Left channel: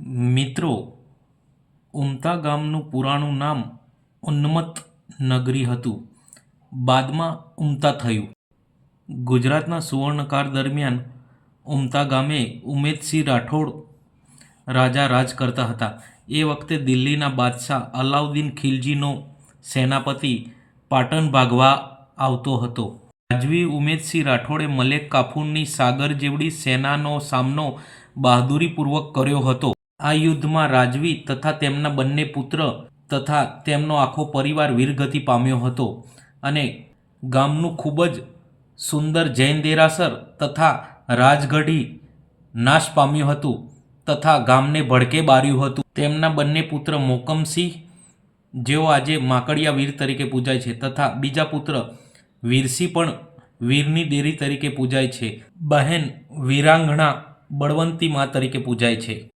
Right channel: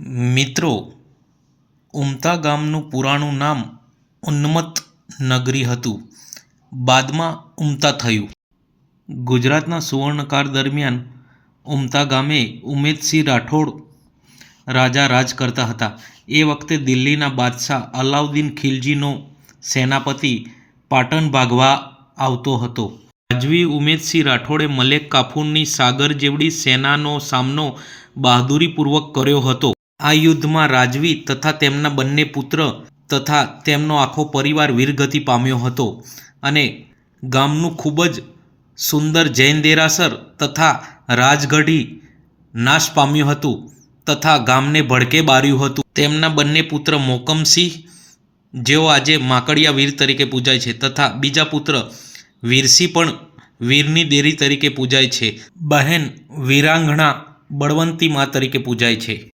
મિત્રો, ઉમતા ગામનું પુરાણું નામ ઉન્મત્ત નગરી હતું. બાદમાં ઉમતા થયું. ગુજરાતના સુવર્ણકાળ દરમિયાન ઉમતા ગામે ઉમેદસિંહ રાઠોડ રાજા રાજ કરતા હતા. એ વખતે દિલ્હીના બાદશાહ અલાઉદ્દીન ખિલજીનો સેનાપતિ પાટણ ભાગવા આવતો હતો. રાજવી ઉમેદસિંહ રાઠોડે મલેક કાફુરની સાગર જેવડી સેનાનો સામનો બહાદુરીપૂર્વક કર્યો હતો. આ યુદ્ધમાં રાજવી તથા તેમના બંને પુત્ર તથા તેમનો આખો પરિવાર વીરગતિ પામ્યો હતો અને ગામનું ખૂબ જ સુંદર જૈન દેરાસર તથા રાજગઢી નાશ પામ્યું હતું તથા ગામને ભડકે બાર્યું હતું. તેમના બંને પુત્ર મોકમસિંહ, જેઓ આજે માકડિયા વીર તરીકે પૂજાય છે, તથા બીજા પુત્ર વીરસિંહ પણ વીરની દેરી તરીકે પૂજાય છે. બહેન વીરાંગણા બળવંતી મા તરીકે પૂજાય છે.